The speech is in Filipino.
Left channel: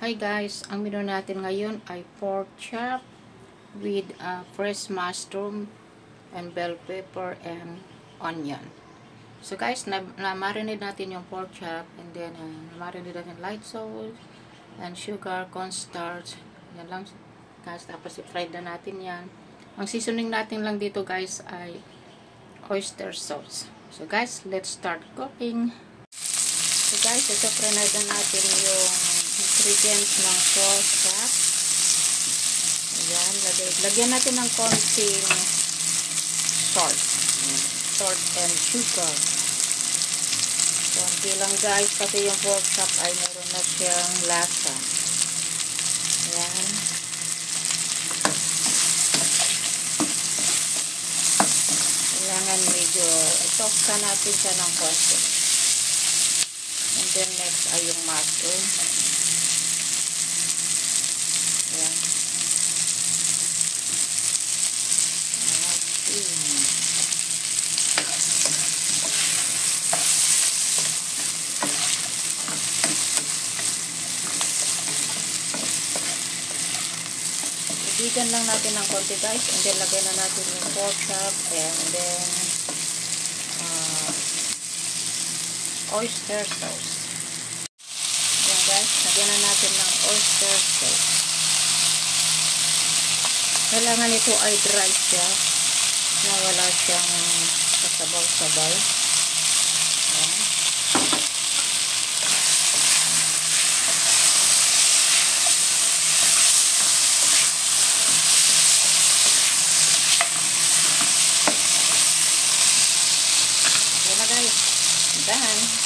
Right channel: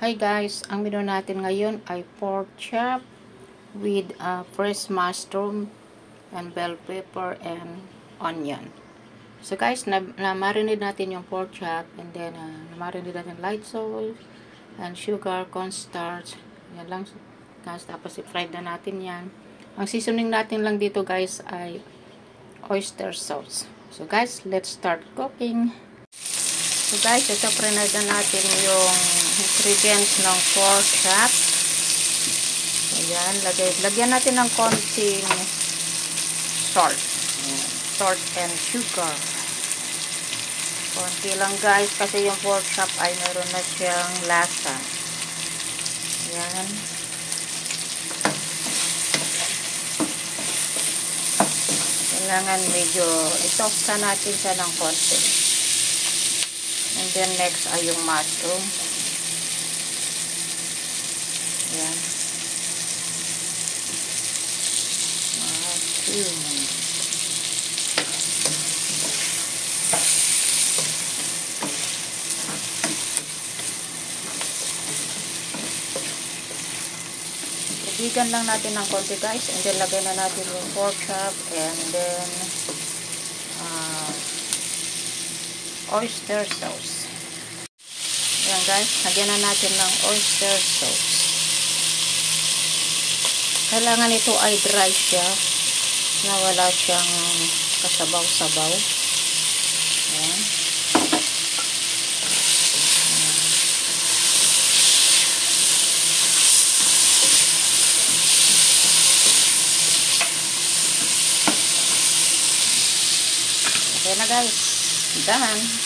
Hi guys, ang menu natin ngayon ay pork chop with fresh mushroom and bell pepper and onion. So guys, na-marinate natin yung pork chop and then na-marinate natin light sauce and sugar, cornstarch. Yan lang guys, tapos i-fried na natin yan. Ang seasoning natin lang dito guys ay oyster sauce. So guys, let's start cooking. So guys, ito-fry na natin yung ingredients ng pork chop. Ayan, lagyan natin ng konting salt. Salt and sugar. Konti lang guys, kasi yung pork chop ay meron na siyang lasa. Ayan. Kailangan medyo i-toast natin siya ng konti. And then next ay yung mushroom. Ayan. Mushroom. Ibigan lang natin ng konti guys. And then lagay na natin yung pork chop. And then oyster sauce. Ayan guys, lagyan na natin ng oyster sauce. Kailangan ito ay dry siya, na wala siyang kasabaw-sabaw. Ayan. Okay na guys. Done.